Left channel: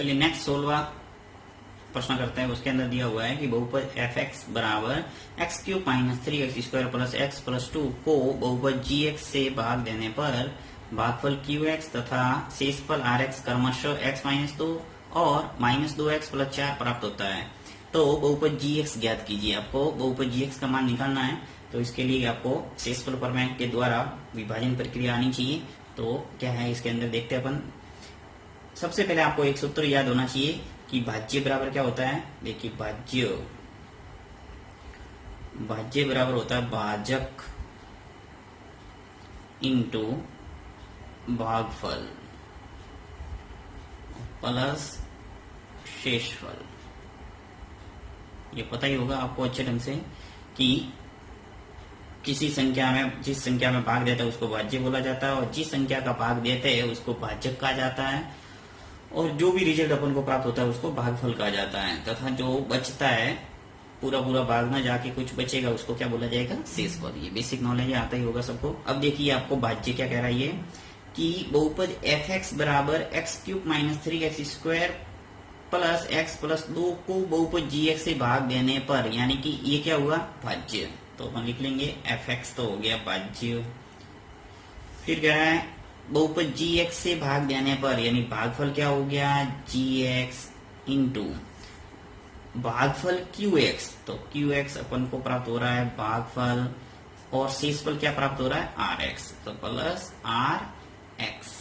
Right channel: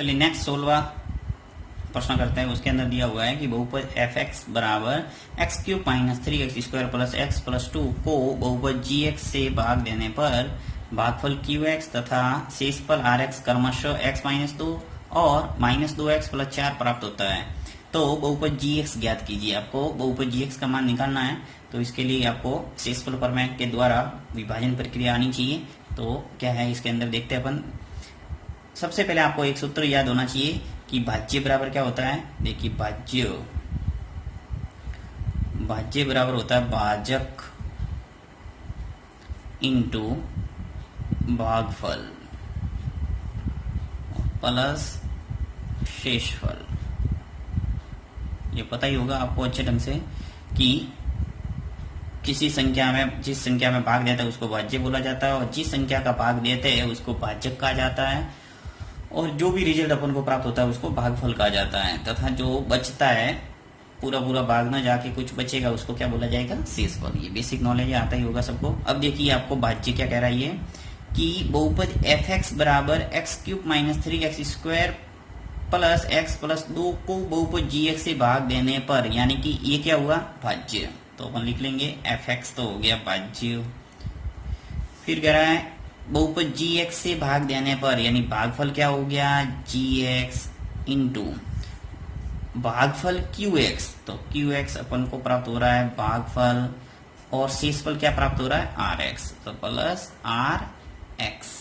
चलिए नेक्स्ट 16वां प्रश्न करते हैं। उसके अंदर दिया हुआ है कि बहुपद एफ एक्स बराबर x cube minus 3x square plus X plus 2 को बहुपद जी एक्स से भाग देने पर भागफल क्यू एक्स तथा शेषफल आर एक्स क्रमशः x माइनस 2 और माइनस 2x प्लस 4 प्राप्त होता है। तो बहुपद जी एक्स ज्ञात कीजिए। आपको बहुपद जी एक्स का मान निकालना है, तो इसके लिए आपको शेषफल प्रमेय के द्वारा विभाजन प्रक्रिया आनी चाहिए। तो क्या है इसके अंदर देखते हैं अपन। सबसे पहले आपको एक सूत्र याद होना चाहिए कि भाज्य बराबर क्या होता है। देखिए भाज्य बराबर होता है भाजक इंटू भागफल प्लस शेषफल। ये पता ही होगा आपको अच्छे ढंग से कि किसी संख्या में जिस संख्या में भाग देते हैं उसको भाज्य बोला जाता है और जिस संख्या का भाग देते हैं उसको भाजक कहा जाता है और जो भी रिजल्ट अपन को प्राप्त होता है उसको भागफल कहा जाता है। तथा जो बचता है पूरा भाग ना जाके कुछ बचेगा उसको क्या बोला जाएगा, शेषफल। ये बेसिक नॉलेज आता ही होगा सबको। अब देखिए आपको भाज्य क्या कह रहा है ये कि बहुपद एफ एक्स बराबर x cube minus 3x square plus X plus 2 को बहुपद जी एक्स से भाग देने पर, यानी कि ये क्या हुआ, भाज्य। तो अपन लिख लेंगे एफ एक्स तो हो गया भाज्य। फिर कह रहा है बहुपद जी एक्स से भाग देने पर, यानी भागफल क्या हो गया, जी एक्स इंटू भागफल क्यू एक्स। तो क्यू एक्स अपन को प्राप्त हो रहा है भागफल और शेषफल क्या प्राप्त हो रहा है, आर एक्स। तो प्लस आर एक्स।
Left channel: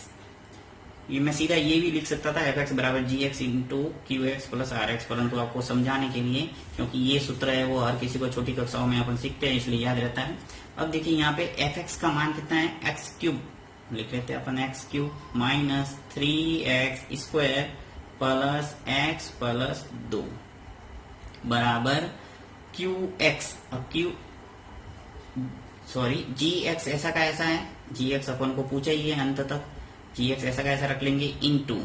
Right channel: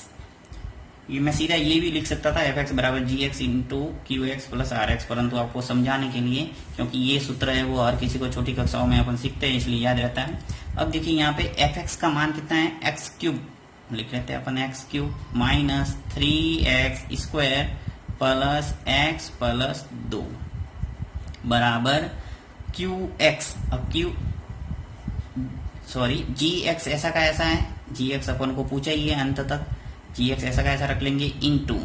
ये मैं सीधा ये भी लिख सकता था एफ एक्स बराबर G X into Q X plus R X, परंतु आपको समझाने के लिए, क्योंकि ये सूत्र है वो हर किसी को छोटी कक्षाओं में अपन सीखते हैं इसलिए याद रहता है। अब देखिए यहाँ पे एफ एक्स का मान कितना है, एक्स क्यूब लिख लेते हैं अपन, X cube minus 3x square plus X plus 2 बराबर क्यू एक्स। अब जी एक्स ऐसा का ऐसा है, जी एक्स अपन को पूछा ही है अंत तक, जी एक्स ऐसा का ऐसा रख लेंगे इंटू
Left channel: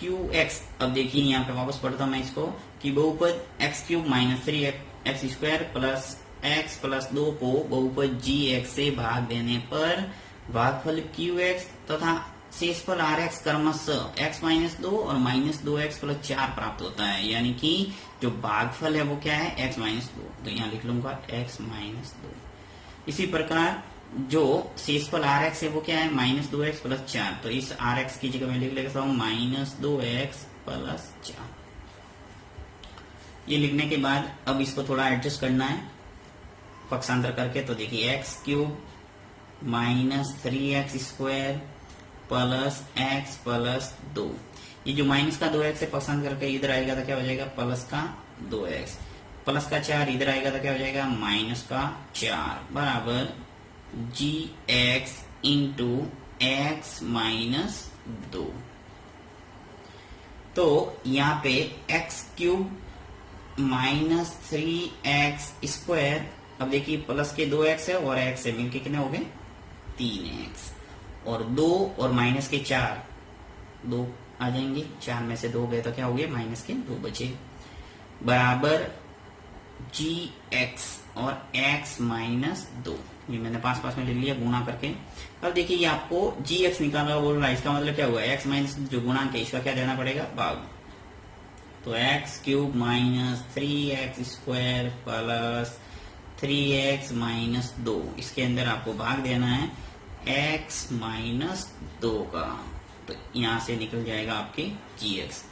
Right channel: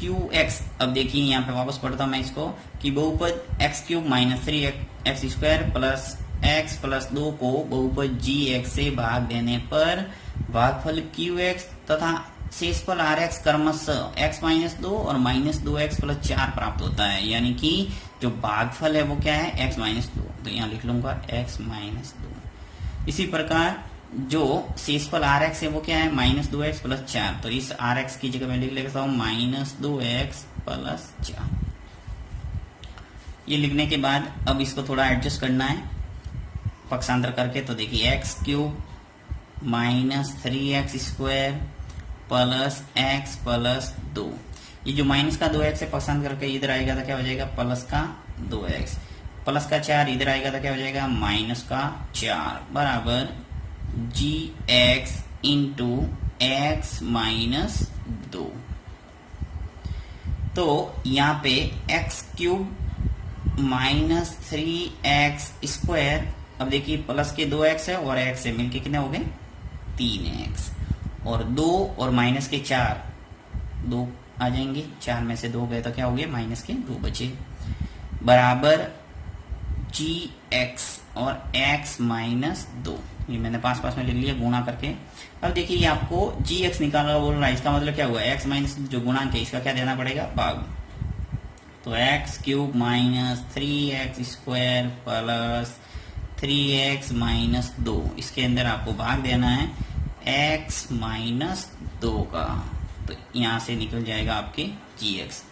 क्यू एक्स। अब देखिए यहाँ पे वापस पढ़ता हूं मैं इसको कि बहुपद x cube minus 3x square plus X plus 2 को बहुपद जी एक्स से भाग देने पर भागफल क्यू एक्स तथा शेषफल आर एक्स क्रमशः x माइनस 2 और माइनस 2x प्लस 4 प्राप्त होता है। यानी कि जो भागफल है वो क्या है, x माइनस 2। तो यहाँ लिख लूंगा x माइनस 2। इसी प्रकार जो शेषफल आर एक्स है वो क्या है, माइनस 2x प्लस 4। तो इस आर एक्स की जगह मैं लिख लेता हूँ माइनस 2x प्लस 4। ये लिखने के बाद अब इसको थोड़ा एडजस्ट करना है पक्षांतर करके। तो देखिए x cube minus 3x square plus X plus 2, ये जो माइनस का 2x है पक्षांतर करके इधर आएगा तो क्या हो जाएगा, प्लस का 2x प्लस का 4 इधर आएगा तो क्या हो जाएगा, माइनस का 4 बराबर G X into x minus 2। तो यहाँ पे x cube minus 3x square, अब देखिए प्लस के 2x है और x से मिलके कितने हो गए, 3x और 2 और माइनस के 4, 2 आ जाएंगे, 4 में से 2 गए तो क्या हो गया, माइनस के 2 बचे बराबर जी एक्स और x माइनस 2। ये मैंने पास में लिख लिया गुणा करके। अब देखिए ये आपको जी एक्स निकालना बोल रहा है, इसका मतलब क्या हुआ, x माइनस जो गुणांक है इसका क्या देना पड़ेगा, भाग। तो x cube minus 3x square plus 3x minus 2, इसके अंदर आपको भाग देना है x माइनस 2 का। तो यहाँ से निकल जाएगा आपके जी एक्स।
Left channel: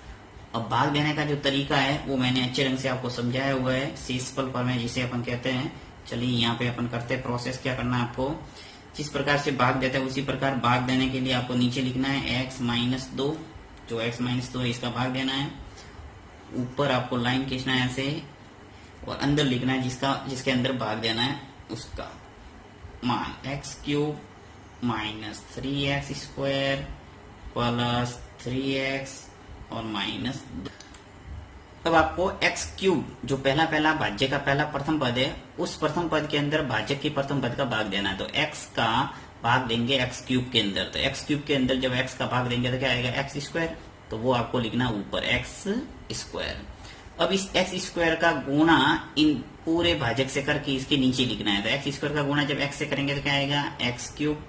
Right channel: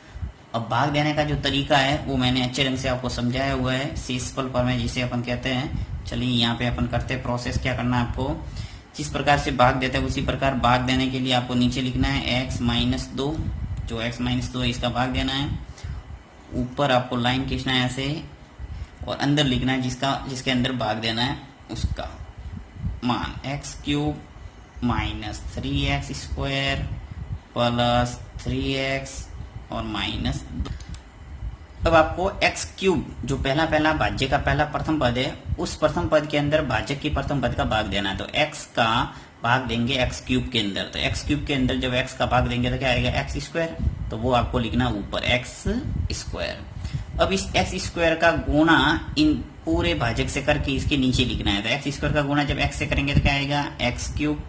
अब भाग देने का जो तरीका है वो मैंने अच्छे ढंग से आपको समझाया हुआ है, शेषफल प्रमेय जिसे अपन कहते हैं। चलिए यहाँ पे अपन करते हैं प्रोसेस। क्या करना है आपको, जिस प्रकार से भाग देते हैं उसी प्रकार भाग देने के लिए आपको नीचे लिखना है x माइनस 2, जो x माइनस 2 है इसका भाग देना है। ऊपर आपको लाइन खींचना है ऐसे और अंदर लिखना है जिसके अंदर भाग देना है उसका मान, x cube minus 3x square plus 3x और माइनस 2। अब आपको एक्स क्यूब जो पहला भाज्य का पहला प्रथम पद है उस प्रथम पद के अंदर भाज्य की प्रथम पद का भाग देना है। तो x का भाग देंगे एक्स क्यूब के अंदर। तो एक्स क्यूब के अंदर जब x का भाग देंगे तो क्या आएगा, एक्स स्क्वायर। तो वो आपको लिखना ऊपर एक्स स्क्वायर। अब इस एक्स स्क्वायर का गुणा इन पूरे भाजक से करके इसके नीचे लिखना है। तो एक्स स्क्वायर का गुणा जब x से करेंगे तो क्या आएगा, एक्स क्यूब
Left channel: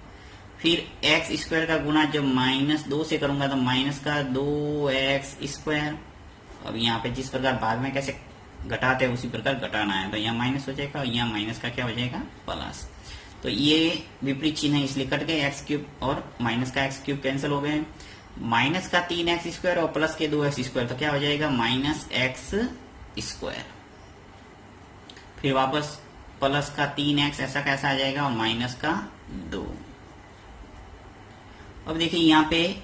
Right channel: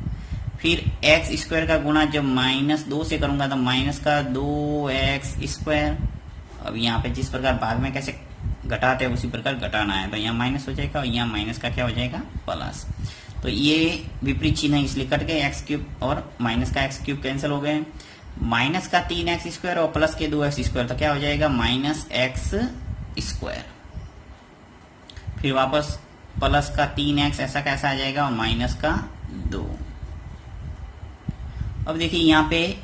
फिर एक्स स्क्वायर का गुणा जब -2 से करूंगा तो माइनस का 2x²। अब यहाँ पे जिस प्रकार भाग में कैसे घटाते हैं उसी प्रकार घटाना है, तो यहाँ माइनस हो जाएगा और यहाँ माइनस का क्या हो जाएगा, प्लस। तो ये विपरीत चिन्ह है इसलिए कट गए, x³ और माइनस का x³ कैंसिल हो गए। माइनस का 3x² और प्लस के 2x², तो क्या हो जाएगा -x²। फिर वापस प्लस का 3x ऐसा कैसा आ जाएगा और माइनस का 2। अब देखिए यहाँ पे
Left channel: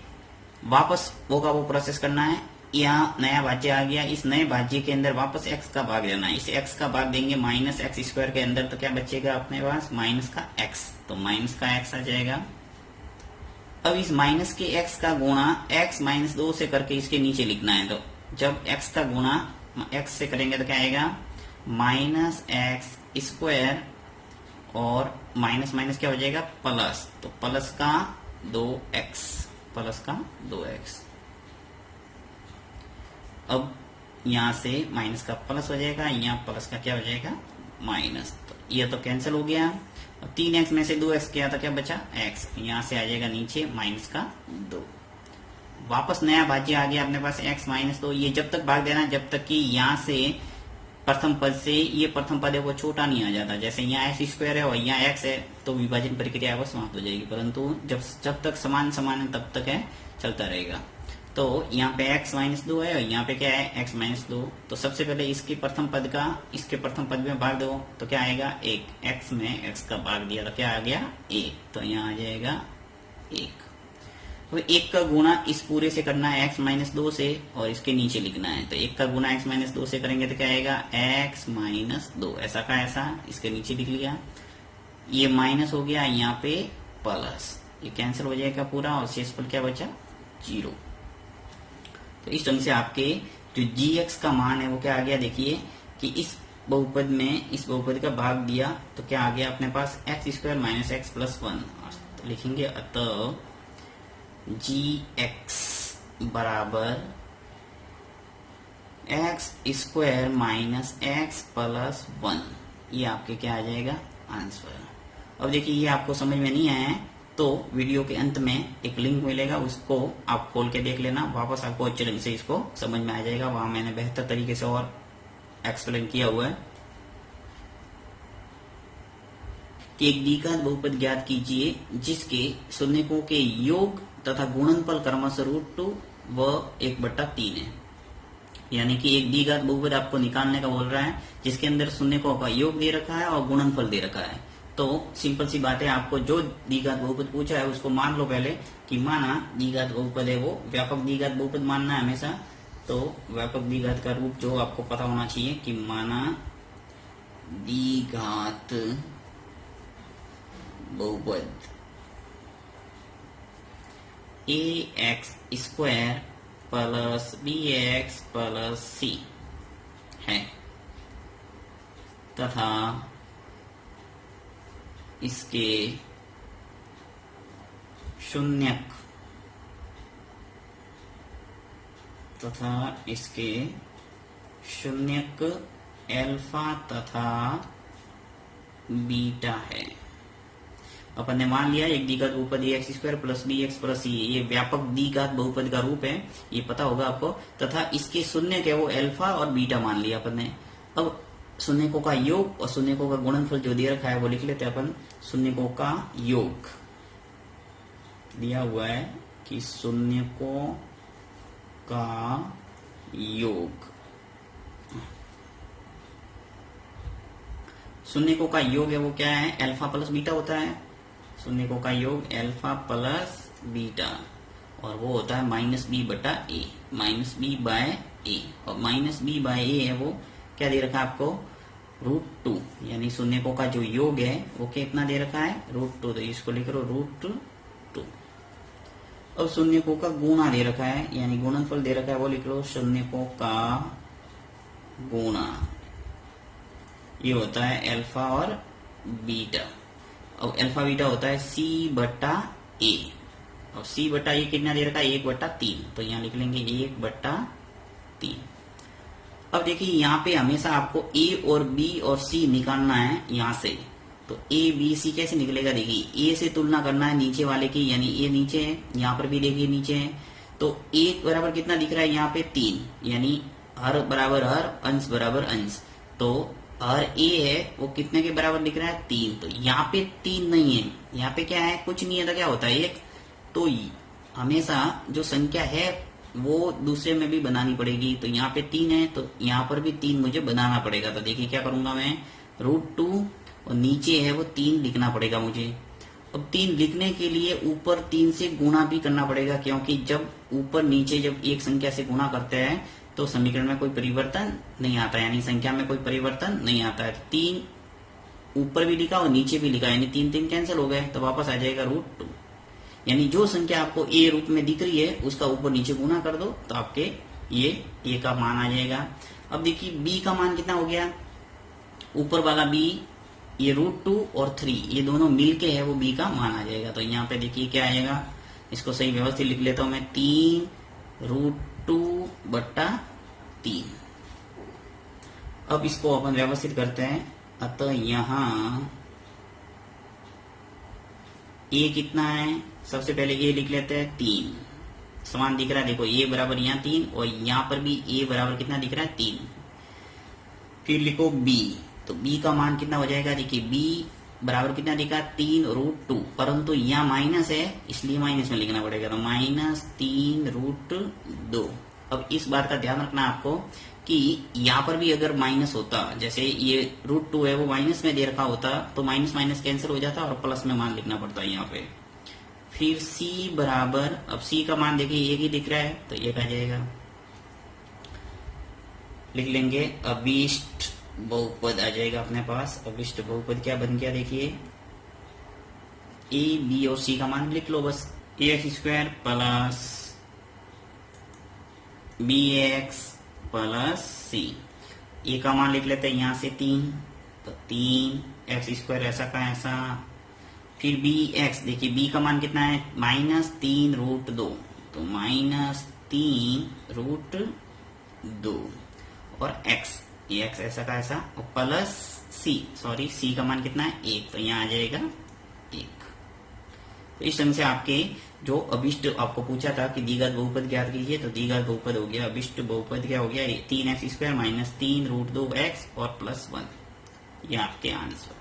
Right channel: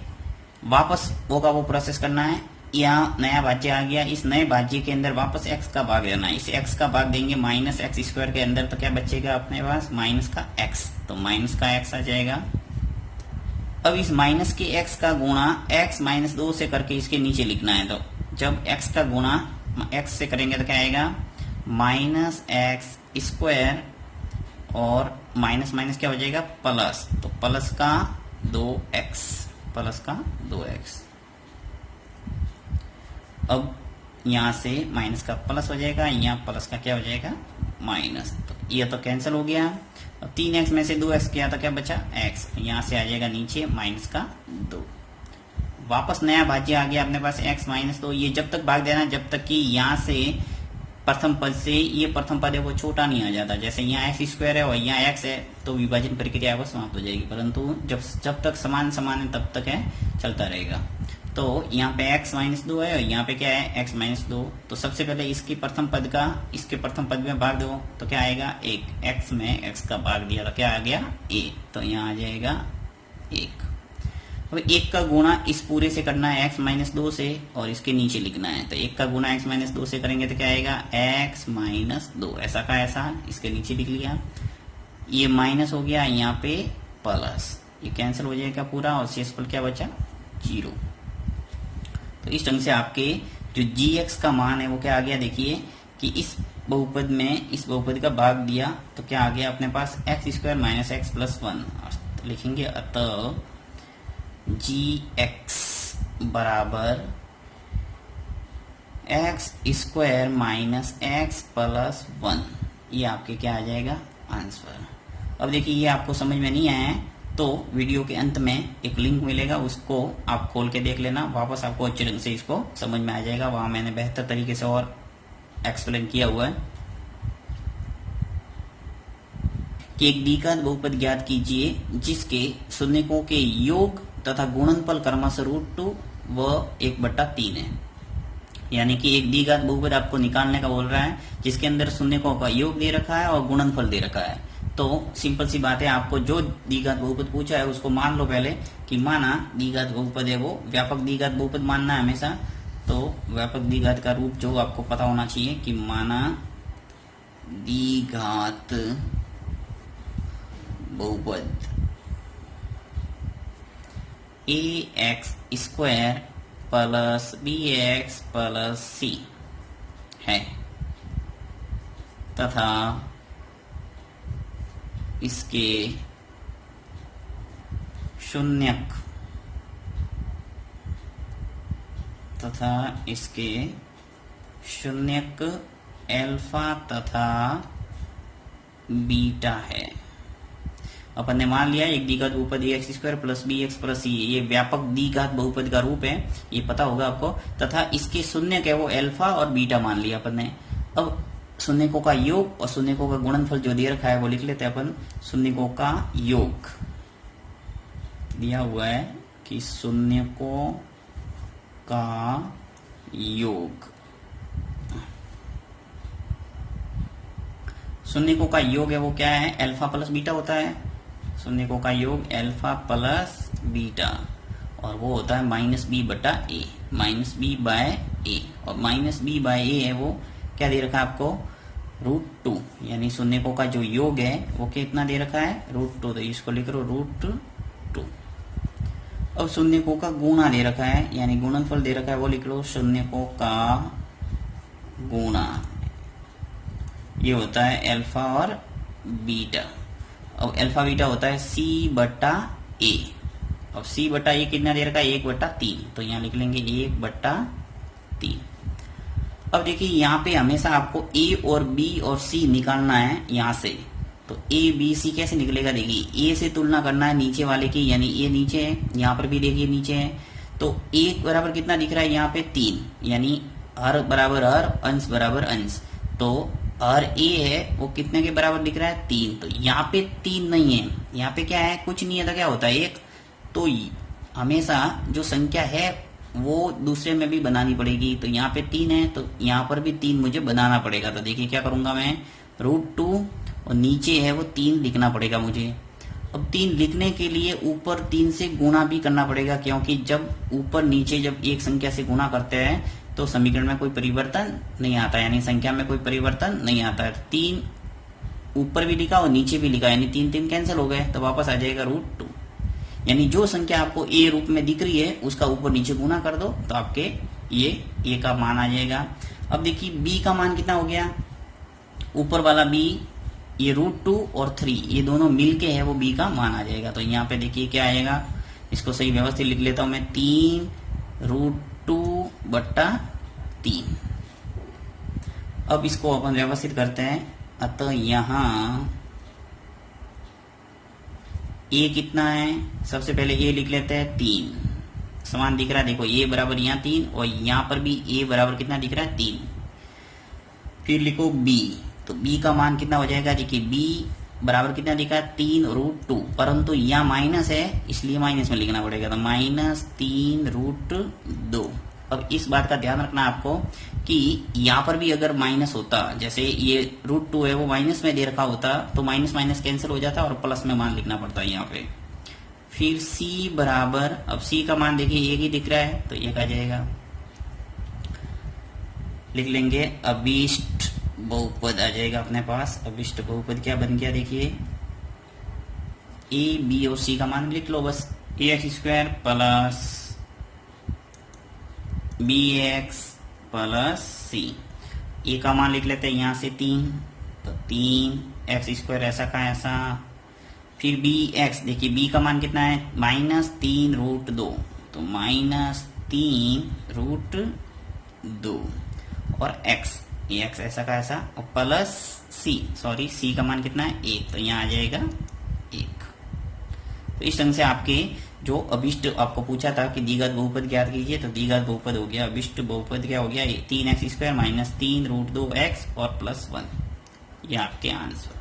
वापस वो प्रोसेस करना है। यहाँ नया भाज्य आ गया, इस नए भाज्य के अंदर वापस x का भाग लेना है। इस x का भाग देंगे -x² के अंदर, तो क्या बचेगा अपने पास माइनस का x, तो माइनस का x आ जाएगा। अब इस माइनस के x का गुणा x -2 से करके इसके नीचे लिखना है। तो जब x का गुणा x से करेंगे तो क्या आएगा -x² और माइनस माइनस क्या हो जाएगा प्लस, तो प्लस का 2x। अब यहाँ से माइनस का प्लस हो जाएगा, यहाँ प्लस का क्या हो जाएगा माइनस, तो ये तो कैंसिल हो गया। 3x में से 2x किया तो क्या बचा x, यहाँ से आ जाएगा नीचे माइनस का 2। वापस नया भाज्य आ गया अपने पास x -2। ये जब तक भाग देना जब तक कि यहाँ से प्रथम पद से ये प्रथम पद है वो छोटा नहीं हो जाता। जैसे यहाँ x² है और यहाँ x है तो विभाजन प्रक्रिया वो समाप्त हो जाएगी, परंतु जब तक समान समान तब तक है चलता रहेगा। तो यहाँ पे x -2 है और यहाँ पे क्या है x -2। तो सबसे पहले इसके प्रथम पद में भाग दो तो क्या आएगा 1, x में x का भाग दिया तो क्या आ गया 1, तो यहाँ आ जाएगा 1। अब 1 का गुणा इस पूरे से करना है x -2 से और इसके नीचे लिखना है। तो 1 का गुणा x -2 से करेंगे तो क्या आएगा x -2, ऐसा का ऐसा इसके नीचे लिख लिया। ये माइनस हो गया, यहाँ पे प्लस, ये कैंसिल हो जाएगा पूरा और शेषफल क्या बचा 0। तो इस ढंग से आपके जो gx का मान है वो क्या आ गया, देखिए कि इस बहुपद का भाग दिया तो क्या आ गया अपने पास x² - x + 1। तो लिखेंगे अतः gx बराबर x² - x + 1। ये आपके क्या आ जाएगा आंसर। अब देखिए ये आपको समझ में नहीं आया है तो वीडियो के अंत में एक लिंक मिलेगा, उसको आप खोल के देख लेना, वापस आपको अच्छे ढंग से इसको समझ में आ जाएगा। वहां मैंने बेहतर तरीके से और एक्सप्लेन किया हुआ है कि एक द्विघात बहुपद ज्ञात कीजिए जिसके शून्यकों के योग तथा गुणनफल क्रमशः √2 व 1/3 है। यानी कि एक द्विघात बहुपद आपको निकालने का बोल रहा है जिसके अंदर शून्यकों का योग दे रखा है और गुणनफल दे रखा है। तो सिंपल सी बात है, आपको जो द्विघात बहुपद पूछा है उसको मान लो पहले कि माना द्विघात बहुपद है वो व्यापक द्विघात बहुपद मानना है हमेशा। तो व्यापक द्विघात का रूप जो आपको पता होना चाहिए कि माना द्विघात बहुपद ax² + bx + c है तथा इसके शून्यक अल्फा तथा बीटा है। अपन ने मान लिया एक द्विघात बहुपद ax² + bx + c, ये व्यापक द्विघात बहुपद का रूप है, ये पता होगा आपको। तथा इसके शून्यक है वो अल्फा और बीटा मान लिया अपन ने। अब शून्यकों का योग और शून्यकों का गुणनफल जो दे रखा है वो लिख लेते हैं अपन। शून्यकों का योग दिया हुआ है कि शून्यकों का योग, शून्यकों का योग है वो क्या है अल्फा प्लस बीटा होता है। शून्यकों का योग अल्फा प्लस बीटा और वो होता है -b/a, -b/a और -b/a है वो क्या दे रखा है आपको √2, यानी शून्यकों का जो योग है वो कितना दे रखा है √2, तो इसको लिख लो √2। अब शून्यकों का गुणा दे रखा है यानी गुणनफल दे रखा है वो लिख लो शून्यकों का गुणा, ये होता है अल्फा और बीटा। अब अल्फा बीटा होता है c/a और c/a कितना दे रखा है 1/3, तो यहाँ लिख लेंगे 1/3। अब देखिए यहाँ पे हमेशा आपको a और b और c निकालना है यहाँ से, तो ए बी सी कैसे निकलेगा, देखिए ए से तुलना करना है नीचे वाले की, यानी ए नीचे है, यहाँ पर भी देखिए नीचे है, तो ए बराबर कितना दिख रहा है यहाँ पे 3, यानी हर बराबर हर, अंश बराबर अंश, तो हर ए है वो कितने के बराबर दिख रहा है 3, तो यहाँ पे 3 नहीं है, यहाँ पे क्या है कुछ नहीं है, तो क्या होता है 1, तो हमेशा जो संख्या है वो दूसरे में भी बनानी पड़ेगी, तो यहाँ पे 3 है तो यहाँ पर भी 3 मुझे बनाना पड़ेगा, तो देखिए क्या करूंगा मैं, √2 और नीचे है वो 3 लिखना पड़ेगा मुझे। अब 3 लिखने के लिए ऊपर 3 से गुणा भी करना पड़ेगा, क्योंकि जब ऊपर नीचे जब एक संख्या से गुणा करते हैं तो समीकरण में कोई परिवर्तन नहीं आता, यानी संख्या में कोई परिवर्तन नहीं आता है। 3 ऊपर भी लिखा और नीचे भी लिखा, यानी 3 3 कैंसिल हो गए, तो वापस आ जाएगा √2, यानी जो संख्या आपको ए रूप में दिख रही है उसका ऊपर नीचे गुना कर दो तो आपके ये ए का मान आ जाएगा। अब देखिए बी का मान कितना हो गया, ऊपर वाला बी, ये √2 और 3 ये दोनों मिलके है वो बी का मान आ जाएगा। तो यहाँ पे देखिए क्या आएगा, इसको सही व्यवस्थित लिख लेता हूं मैं, 3 √2/3। अब इसको अपन व्यवस्थित करते हैं, अतः यहाँ ए कितना है, सबसे पहले ए लिख लेते हैं 3, समान दिख रहा है, देखो ए बराबर यहाँ 3 और यहाँ पर भी ए बराबर कितना दिख रहा है 3। फिर लिखो बी, तो बी का मान कितना हो जाएगा, देखिए बी बराबर कितना लिखा है 3 √2, परंतु यहाँ माइनस है इसलिए माइनस में लिखना पड़ेगा, तो -3 √2। अब इस बात का ध्यान रखना आपको कि यहाँ पर भी अगर माइनस होता, जैसे ये √2 है वो माइनस में दे रखा होता तो माइनस माइनस कैंसिल हो जाता और प्लस में मान लिखना पड़ता है यहाँ पे। फिर c बराबर, अब c का मान देखिए एक ही दिख रहा है तो एक आ जाएगा, लिख लेंगे अभिष्ट बहुपद आ जाएगा अपने पास। अभिष्ट बहुपद क्या बन गया, देखिए a b और c का मान लिख लो बस, ax² plus bx plus c, ए का मान लिख लेते हैं यहाँ से 3, तो 3x² ऐसा का ऐसा, फिर bx, देखिए b का मान कितना है -3 √2, तो -3 √2 और x, ये x ऐसा का ऐसा, और प्लस c, सॉरी c का मान कितना है 1, तो यहाँ आ जाएगा 1। तो इस ढंग से आपके जो अभिष्ट आपको पूछा था कि द्विघात बहुपद ज्ञात कीजिए, तो द्विघात बहुपद हो गया, अभिष्ट बहुपद क्या हो गया, 3x² -3 √2x और +1, ये आपके आंसर।